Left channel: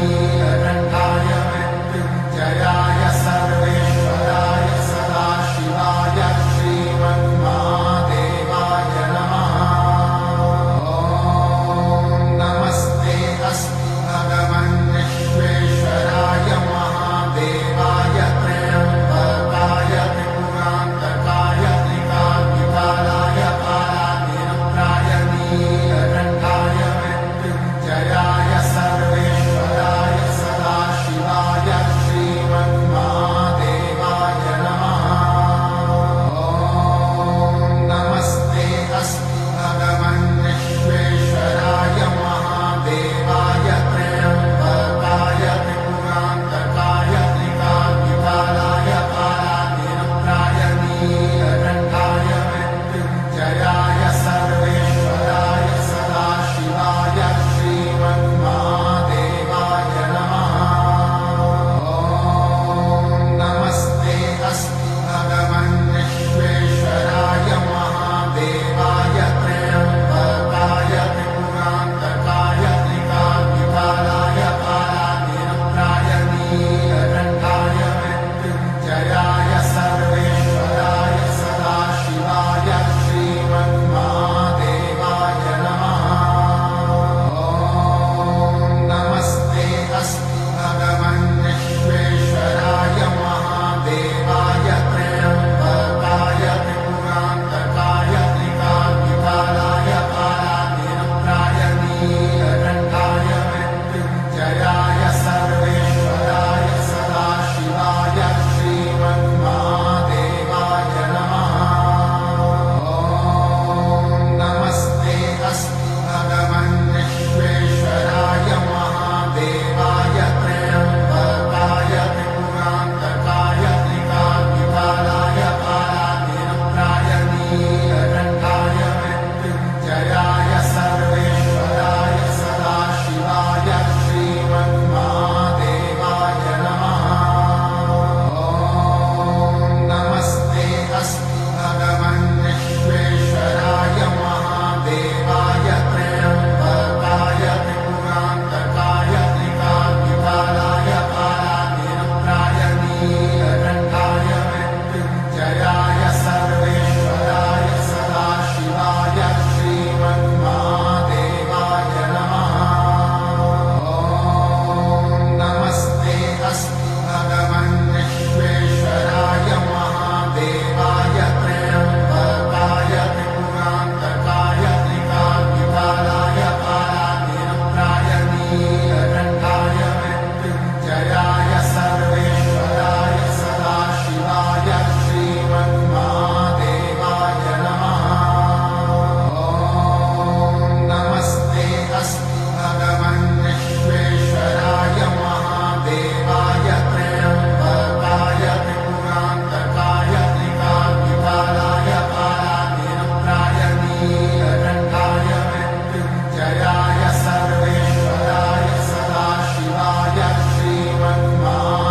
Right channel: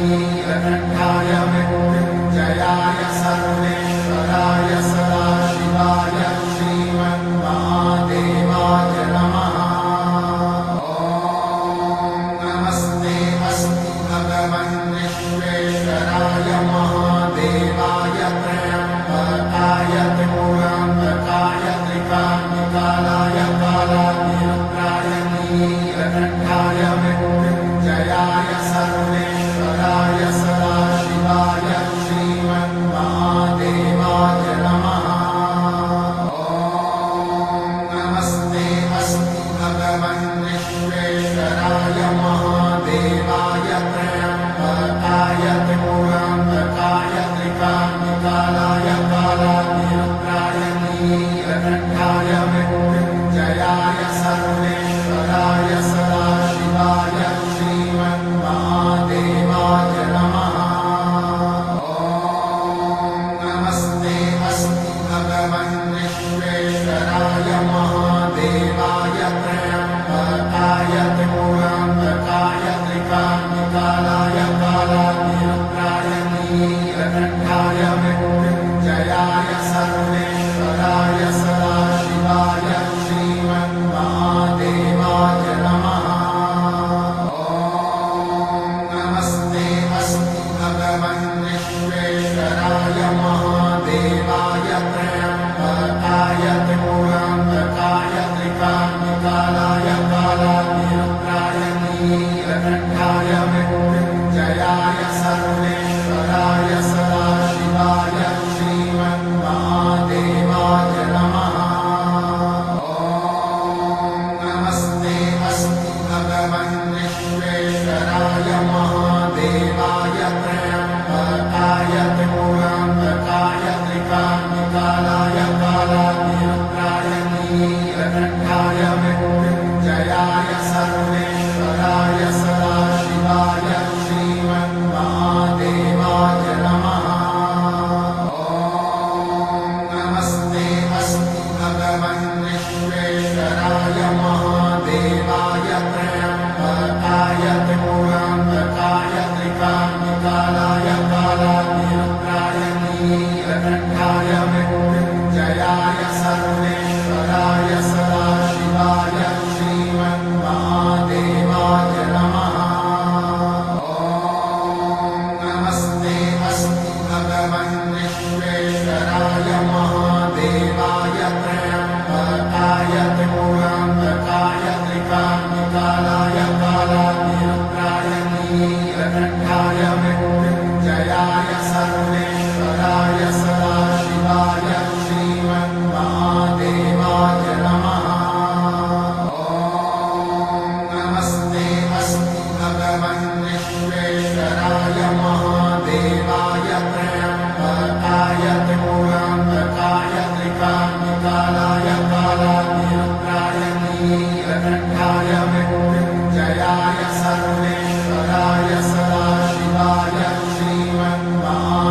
नीलकण्ठाय मृत्युञ्जयाय सर्वेश्वराय सदाशिवाय श्रीमन्महादेवाय नमः। ॐ नमस्ते अस्ति भगवन् विश्वेश्वराय महादेवाय त्र्यम्बकाय त्रिपुरान्तकाय त्रिकाग्निकालाय कालाग्निरुद्राय नीलकण्ठाय मृत्युञ्जयाय सर्वेश्वराय सदाशिवाय श्रीमन्महादेवाय नमः। ॐ नमस्ते अस्ति भगवन् विश्वेश्वराय महादेवाय त्र्यम्बकाय त्रिपुरान्तकाय त्रिकाग्निकालाय कालाग्निरुद्राय नीलकण्ठाय मृत्युञ्जयाय सर्वेश्वराय सदाशिवाय श्रीमन्महादेवाय नमः। ॐ नमस्ते अस्ति भगवन् विश्वेश्वराय महादेवाय त्र्यम्बकाय त्रिपुरान्तकाय त्रिकाग्निकालाय कालाग्निरुद्राय नीलकण्ठाय मृत्युञ्जयाय सर्वेश्वराय सदाशिवाय श्रीमन्महादेवाय नमः। ॐ नमस्ते अस्ति भगवन् विश्वेश्वराय महादेवाय त्र्यम्बकाय त्रिपुरान्तकाय त्रिकाग्निकालाय कालाग्निरुद्राय नीलकण्ठाय मृत्युञ्जयाय सर्वेश्वराय सदाशिवाय श्रीमन्महादेवाय नमः। ॐ नमस्ते अस्ति भगवन् विश्वेश्वराय महादेवाय त्र्यम्बकाय त्रिपुरान्तकाय त्रिकाग्निकालाय कालाग्निरुद्राय नीलकण्ठाय मृत्युञ्जयाय सर्वेश्वराय सदाशिवाय श्रीमन्महादेवाय नमः। ॐ नमस्ते अस्ति भगवन् विश्वेश्वराय महादेवाय त्र्यम्बकाय त्रिपुरान्तकाय त्रिकाग्निकालाय कालाग्निरुद्राय नीलकण्ठाय मृत्युञ्जयाय सर्वेश्वराय सदाशिवाय श्रीमन्महादेवाय नमः। ॐ नमस्ते अस्ति भगवन् विश्वेश्वराय महादेवाय त्र्यम्बकाय त्रिपुरान्तकाय त्रिकाग्निकालाय कालाग्निरुद्राय नीलकण्ठाय मृत्युञ्जयाय सर्वेश्वराय सदाशिवाय श्रीमन्महादेवाय नमः। ॐ नमस्ते अस्ति भगवन् विश्वेश्वराय महादेवाय त्र्यम्बकाय त्रिपुरान्तकाय त्रिकाग्निकालाय कालाग्निरुद्राय नीलकण्ठाय मृत्युञ्जयाय सर्वेश्वराय सदाशिवाय श्रीमन्महादेवाय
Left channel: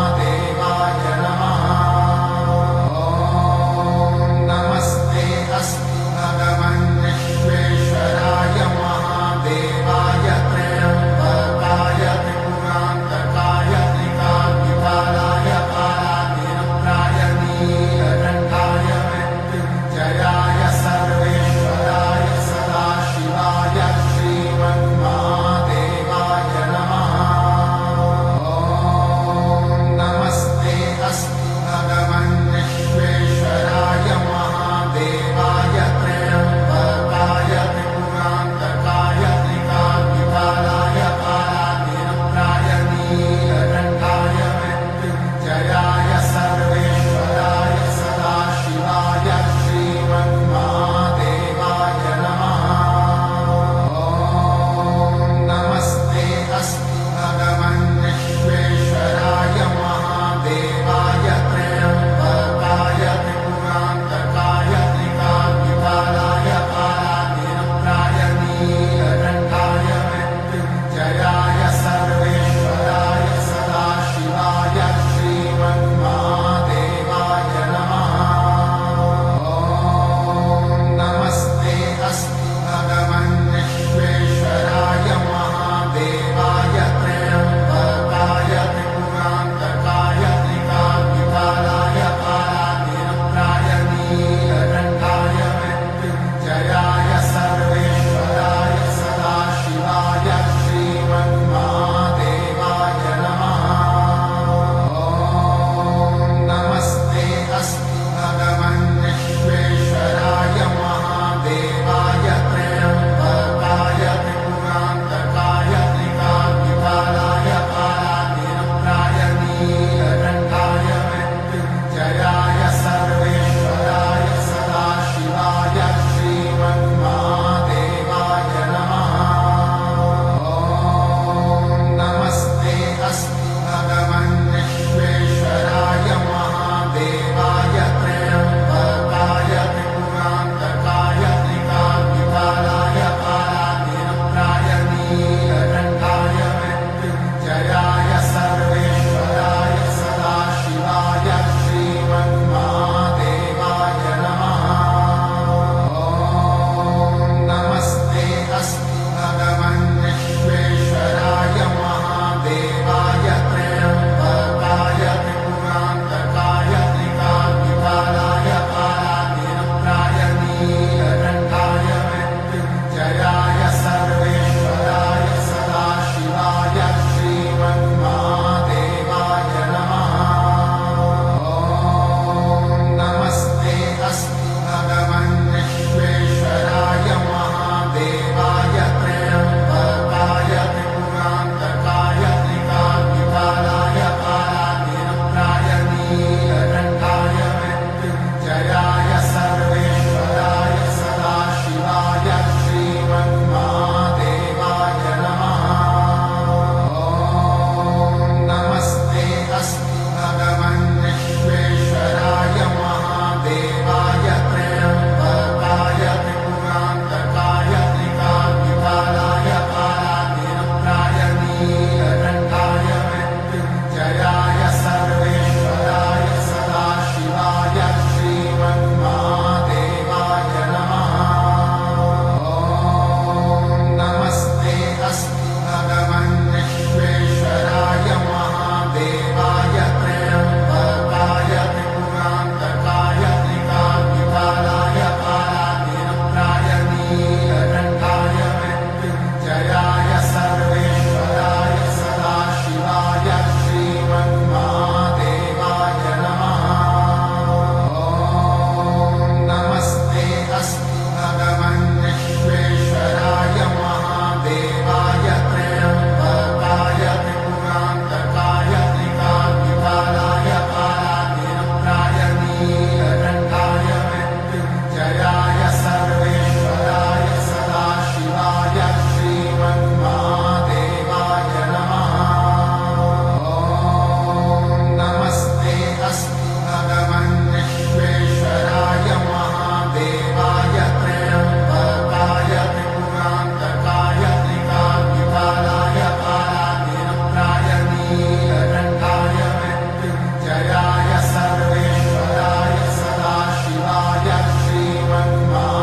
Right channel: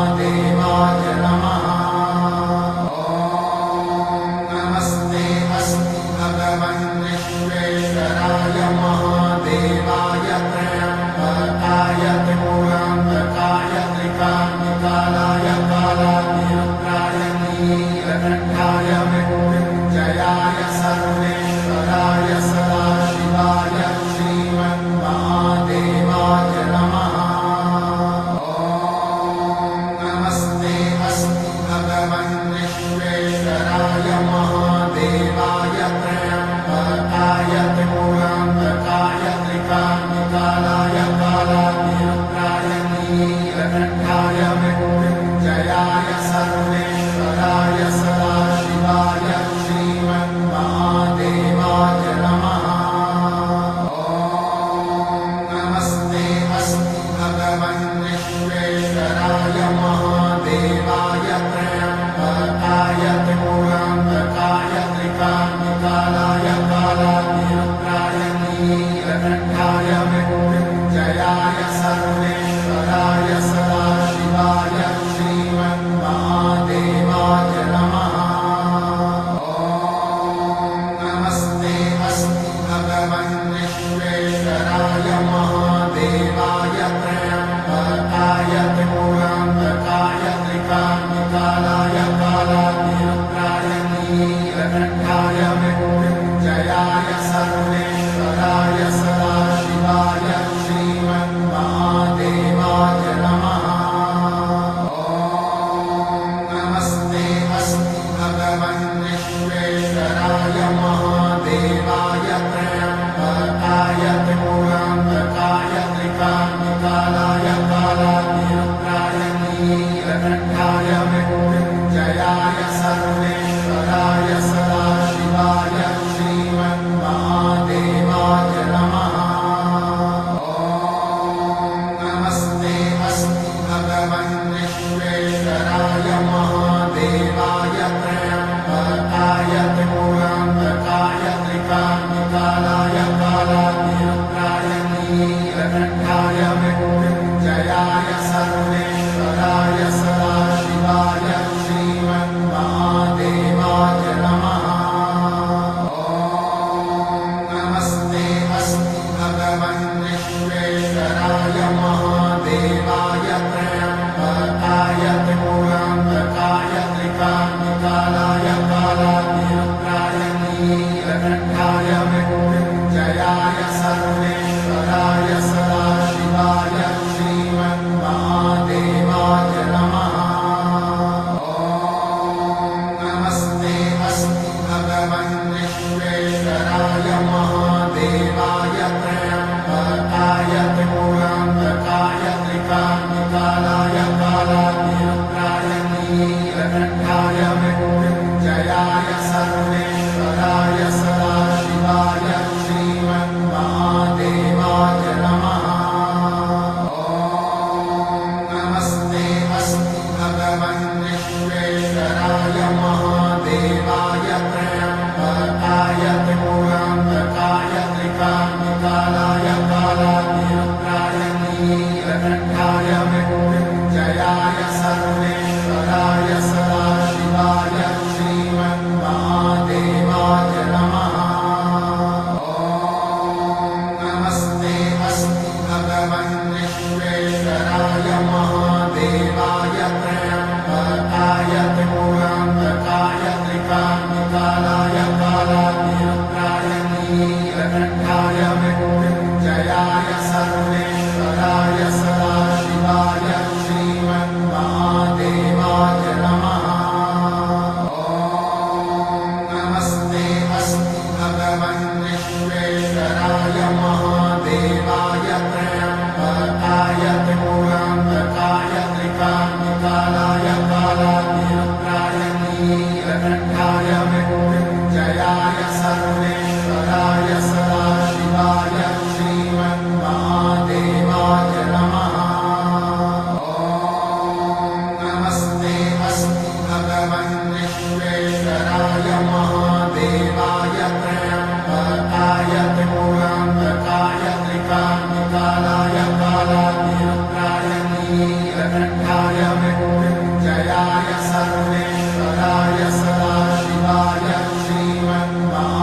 नीलकण्ठाय मृत्युञ्जयाय सर्वेश्वराय सदाशिवाय श्रीमन्महादेवाय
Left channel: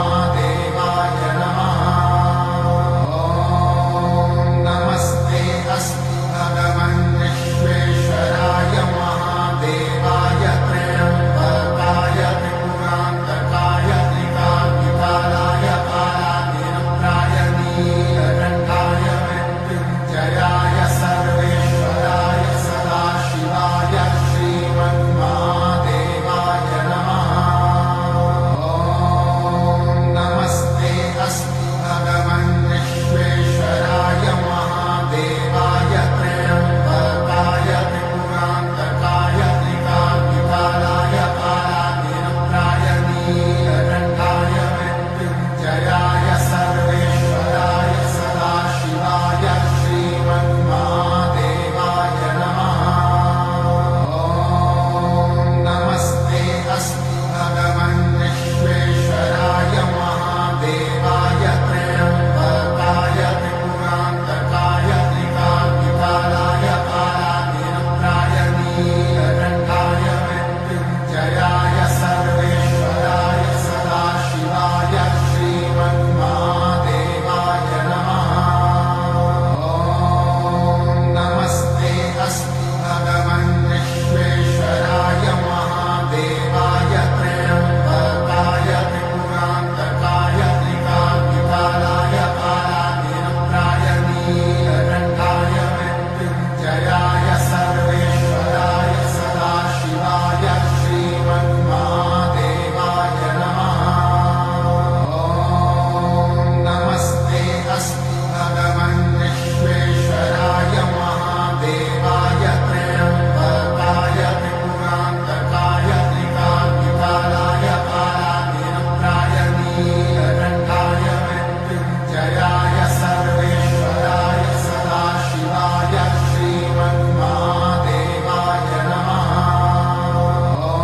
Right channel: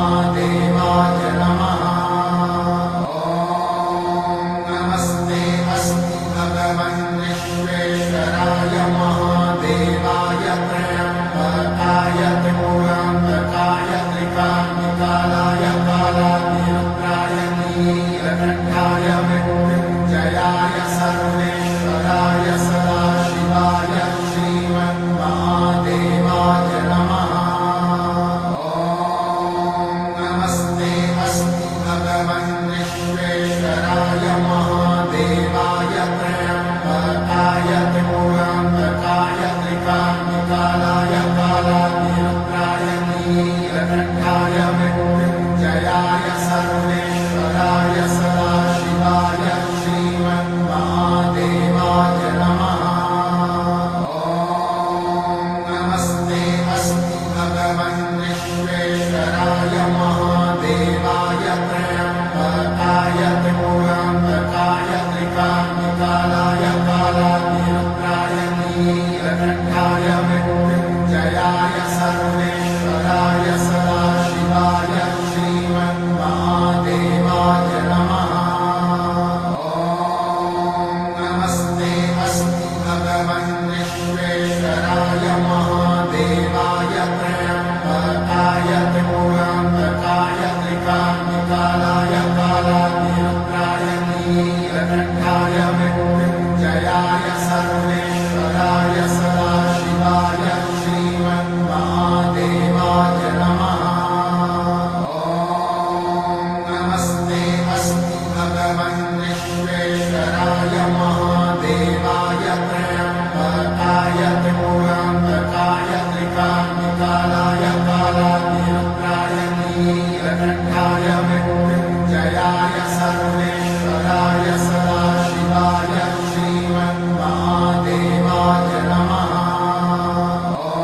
नमः। ॐ नमस्ते अस्मि भगवन् विश्वेश्वराय महादेवाय त्र्यम्बकाय त्रिपुरान्तकाय त्रिकाग्निकालाय कालाग्निरुद्राय नीलकण्ठाय मृत्युञ्जयाय सर्वेश्वराय सदाशिवाय श्रीमन्महादेवाय नमः। ॐ नमस्ते अस्मि भगवन् विश्वेश्वराय महादेवाय त्र्यम्बकाय त्रिपुरान्तकाय त्रिकाग्निकालाय कालाग्निरुद्राय नीलकण्ठाय मृत्युञ्जयाय सर्वेश्वराय सदाशिवाय श्रीमन्महादेवाय नमः। ॐ नमस्ते अस्मि भगवन् विश्वेश्वराय महादेवाय त्र्यम्बकाय त्रिपुरान्तकाय त्रिकाग्निकालाय कालाग्निरुद्राय नीलकण्ठाय मृत्युञ्जयाय सर्वेश्वराय सदाशिवाय श्रीमन्महादेवाय नमः। ॐ नमस्ते अस्मि भगवन् विश्वेश्वराय महादेवाय त्र्यम्बकाय त्रिपुरान्तकाय त्रिकाग्निकालाय कालाग्निरुद्राय नीलकण्ठाय मृत्युञ्जयाय सर्वेश्वराय सदाशिवाय श्रीमन्महादेवाय नमः। ॐ नमस्ते अस्मि भगवन् विश्वेश्वराय महादेवाय त्र्यम्बकाय त्रिपुरान्तकाय त्रिकाग्निकालाय कालाग्निरुद्राय नीलकण्ठाय मृत्युञ्जयाय सर्वेश्वराय सदाशिवाय श्रीमन्महादेवाय नमः। ॐ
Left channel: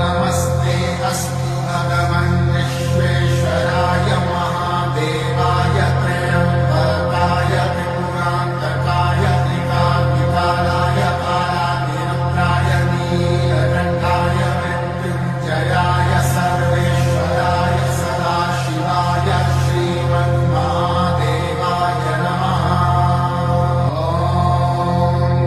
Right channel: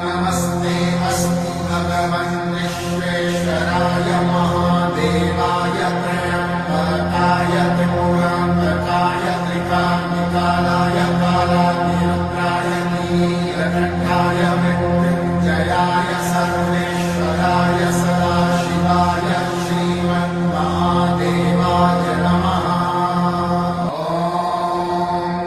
नमस्ते अस्मि भगवन् विश्वेश्वराय महादेवाय त्र्यम्बकाय त्रिपुरान्तकाय त्रिकाग्निकालाय कालाग्निरुद्राय नीलकण्ठाय मृत्युञ्जयाय सर्वेश्वराय सदाशिवाय श्रीमन्महादेवाय नमः। ॐ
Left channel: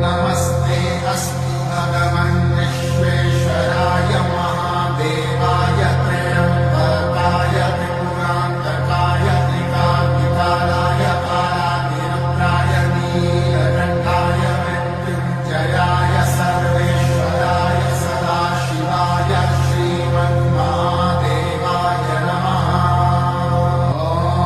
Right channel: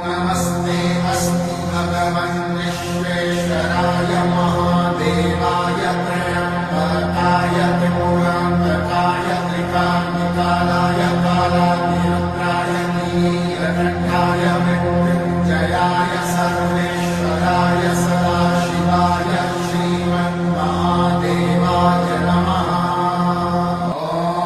नमस्ते अस्मि भगवन् विश्वेश्वराय महादेवाय त्र्यम्बकाय त्रिपुरान्तकाय त्रिकाग्निकालाय कालाग्निरुद्राय नीलकण्ठाय मृत्युञ्जयाय सर्वेश्वराय सदाशिवाय श्रीमन्महादेवाय नमः। ॐ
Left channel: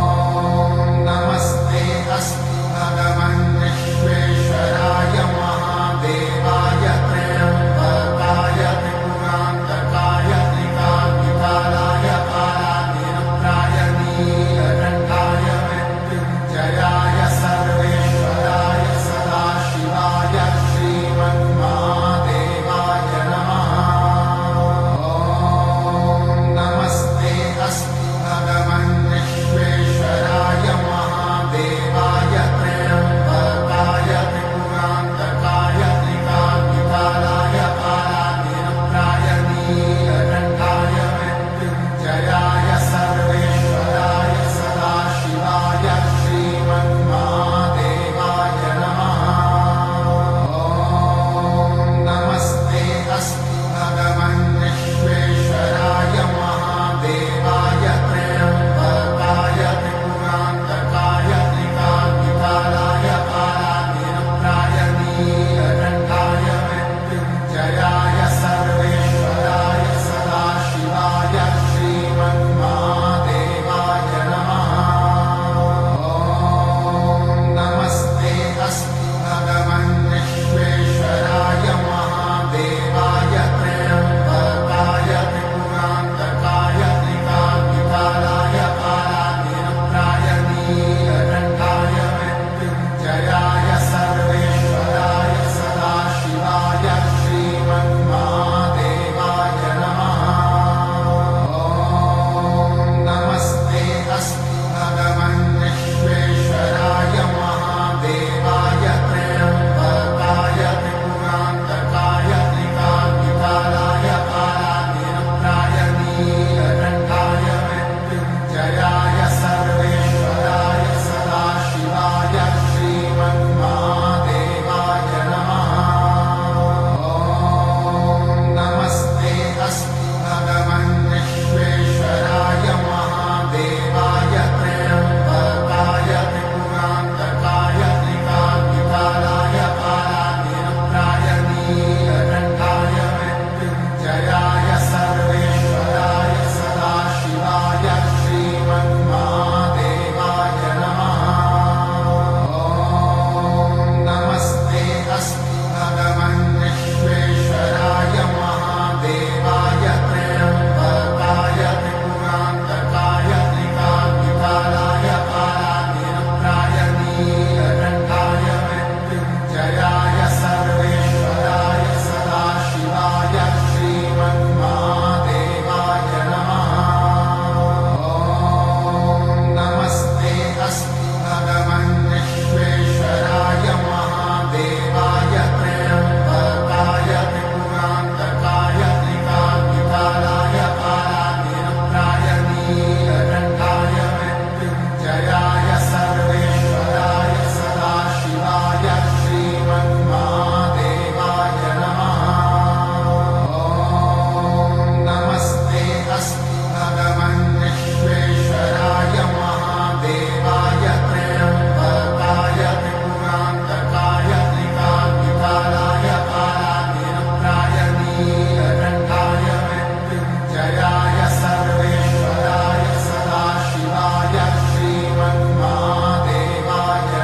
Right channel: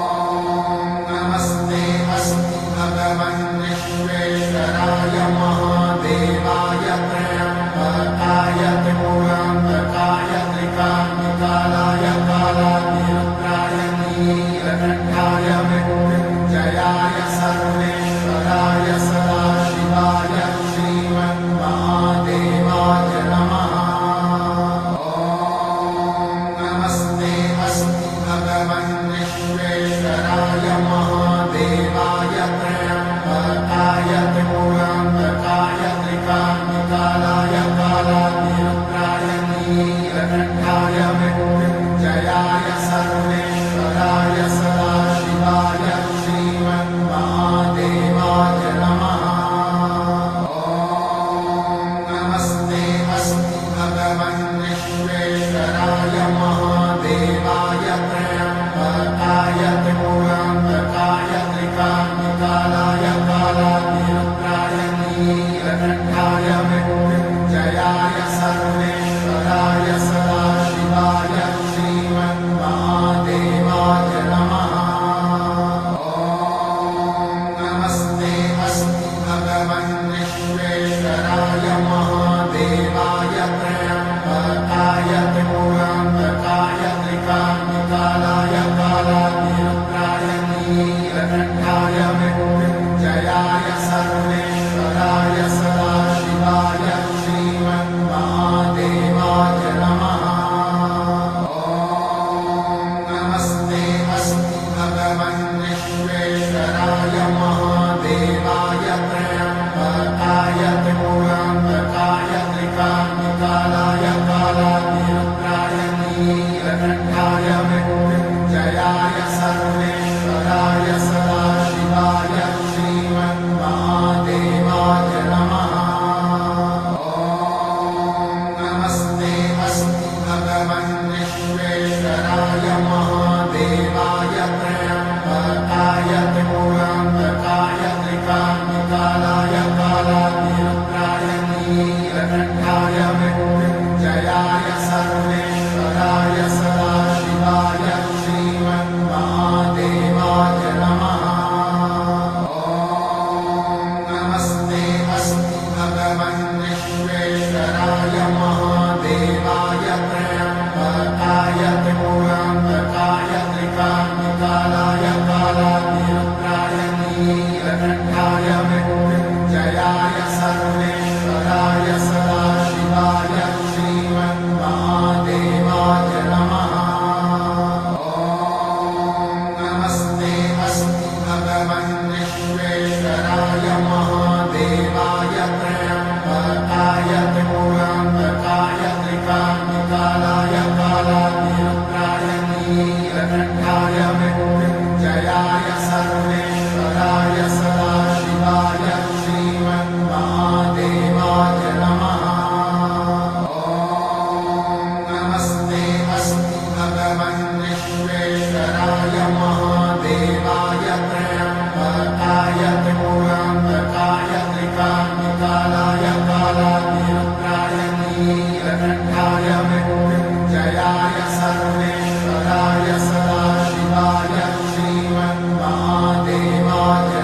नमस्ते अस्मि भगवन् विश्वेश्वराय महादेवाय त्र्यम्बकाय त्रिपुरान्तकाय त्रिकाग्निकालाय कालाग्निरुद्राय नीलकण्ठाय मृत्युञ्जयाय सर्वेश्वराय सदाशिवाय श्रीमन्महादेवाय नमः। ॐ नमस्ते अस्मि भगवन् विश्वेश्वराय महादेवाय त्र्यम्बकाय त्रिपुरान्तकाय त्रिकाग्निकालाय कालाग्निरुद्राय नीलकण्ठाय मृत्युञ्जयाय सर्वेश्वराय सदाशिवाय श्रीमन्महादेवाय नमः। ॐ नमस्ते अस्मि भगवन् विश्वेश्वराय महादेवाय त्र्यम्बकाय त्रिपुरान्तकाय त्रिकाग्निकालाय कालाग्निरुद्राय नीलकण्ठाय मृत्युञ्जयाय सर्वेश्वराय सदाशिवाय श्रीमन्महादेवाय नमः। ॐ नमस्ते अस्मि भगवन् विश्वेश्वराय महादेवाय त्र्यम्बकाय त्रिपुरान्तकाय त्रिकाग्निकालाय कालाग्निरुद्राय नीलकण्ठाय मृत्युञ्जयाय सर्वेश्वराय सदाशिवाय श्रीमन्महादेवाय श्रीमन्महादेवाय नमः। ॐ नमस्ते अस्तु भगवन् विश्वेश्वराय महादेवाय त्र्यम्बकाय त्रिपुरान्तकाय त्रिकाग्निकालाय कालाग्निरुद्राय नीलकण्ठाय मृत्युञ्जयाय सर्वेश्वराय सदाशिवाय श्रीमन्महादेवाय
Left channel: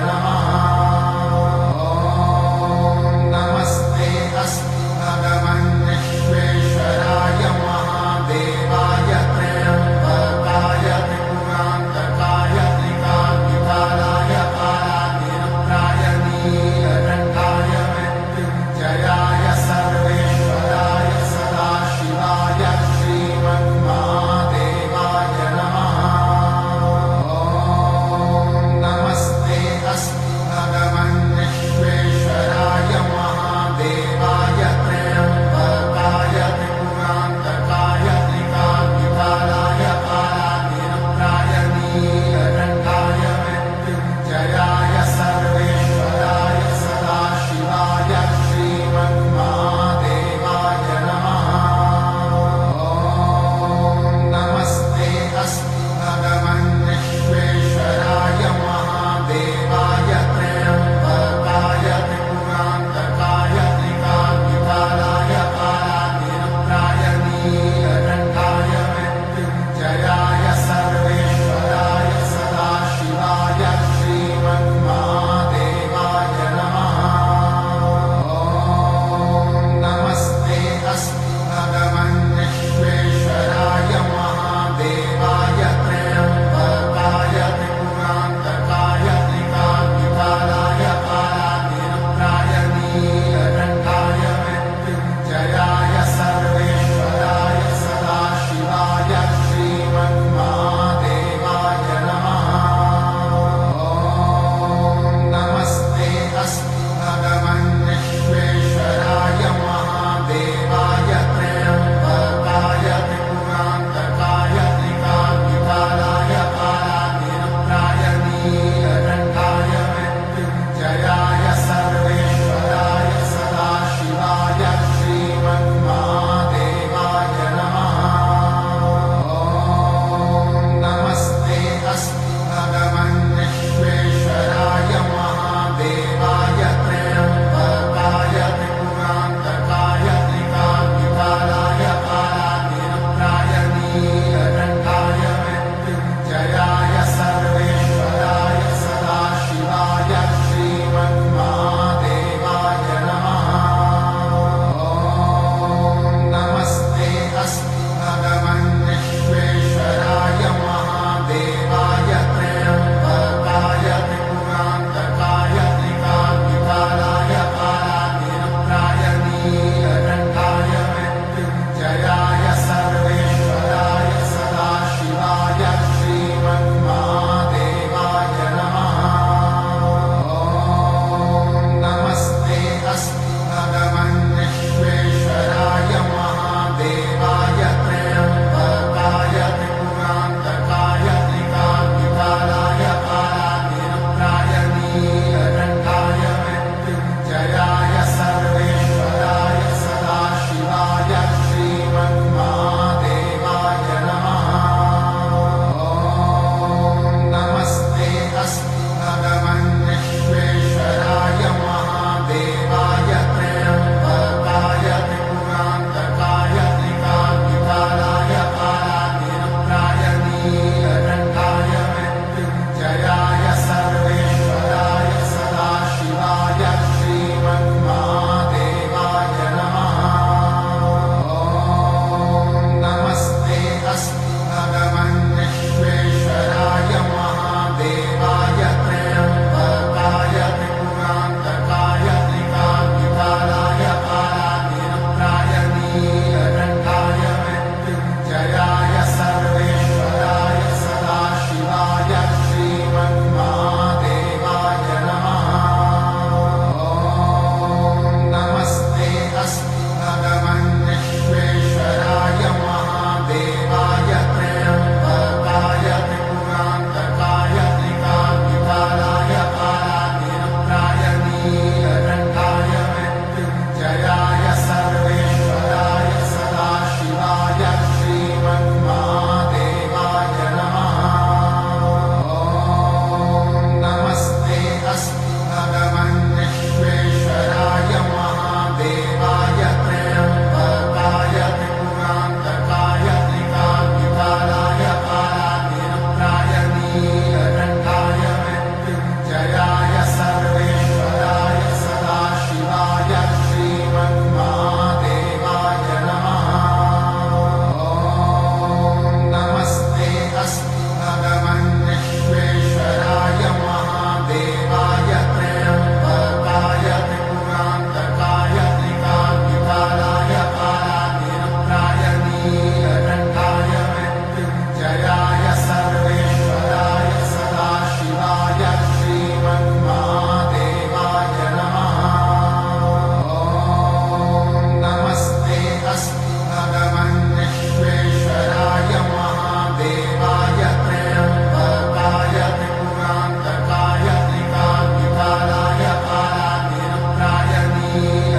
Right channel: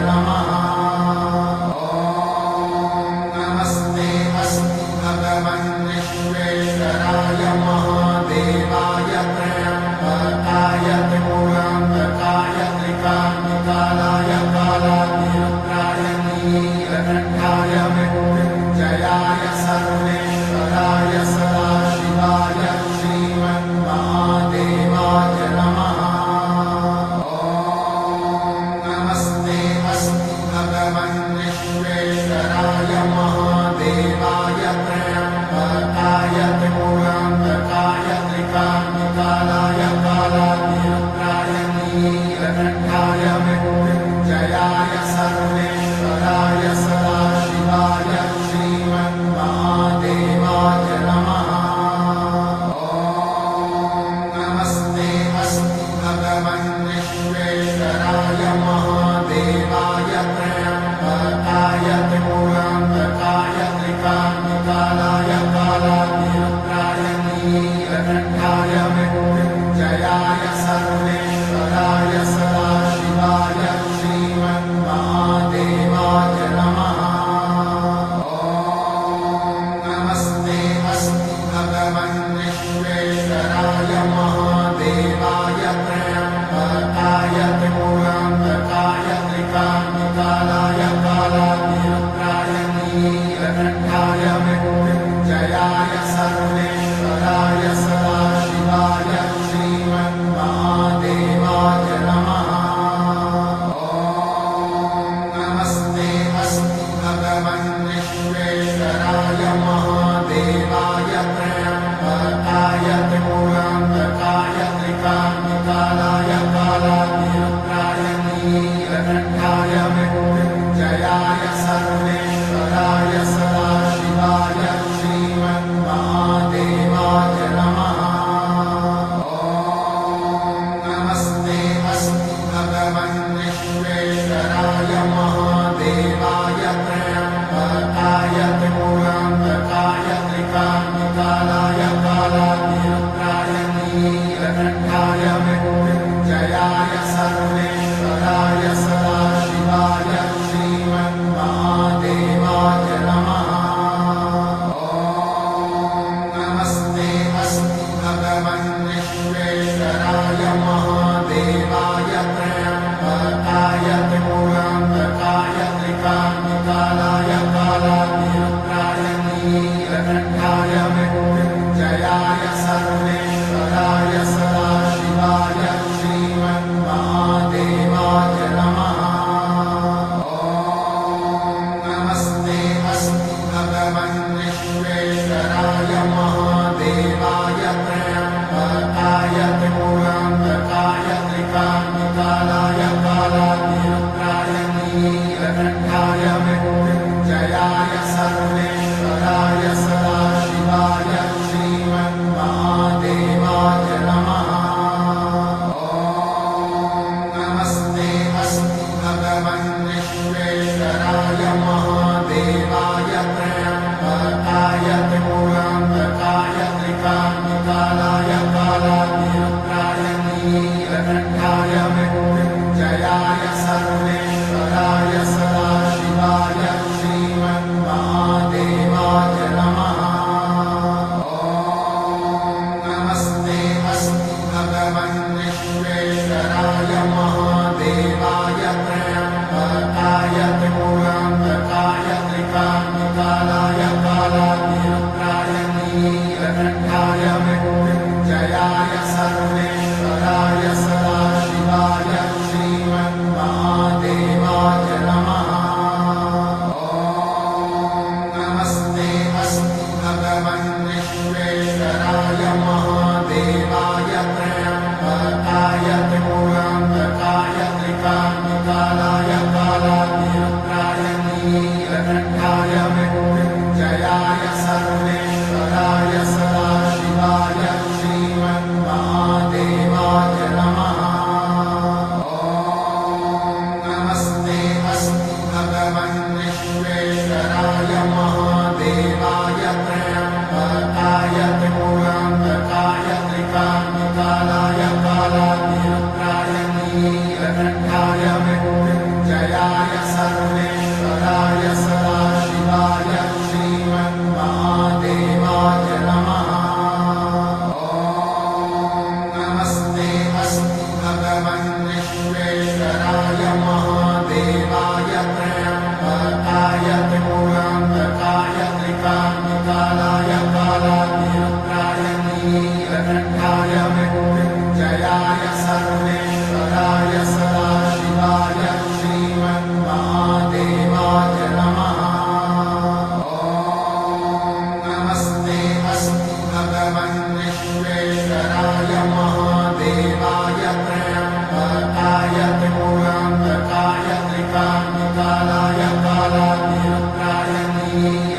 नमः। ॐ मृत्युञ्जयाय सर्वेश्वराय सदाशिवाय श्रीमन्महादेवाय नमः। ॐ नमस्ते अस्तु भगवन् विश्वेश्वराय महादेवाय त्र्यम्बकाय त्रिपुरान्तकाय त्रिकाग्निकालाय कालाग्निरुद्राय नीलकण्ठाय मृत्युञ्जयाय सर्वेश्वराय सदाशिवाय श्रीमन्महादेवाय नमः। ॐ नमस्ते अस्तु भगवन् विश्वेश्वराय महादेवाय त्र्यम्बकाय त्रिपुरान्तकाय त्रिकाग्निकालाय कालाग्निरुद्राय नीलकण्ठाय मृत्युञ्जयाय सर्वेश्वराय सदाशिवाय श्रीमन्महादेवाय नमः। ॐ नमस्ते अस्तु भगवन् विश्वेश्वराय महादेवाय त्र्यम्बकाय त्रिपुरान्तकाय त्रिकाग्निकालाय कालाग्निरुद्राय नीलकण्ठाय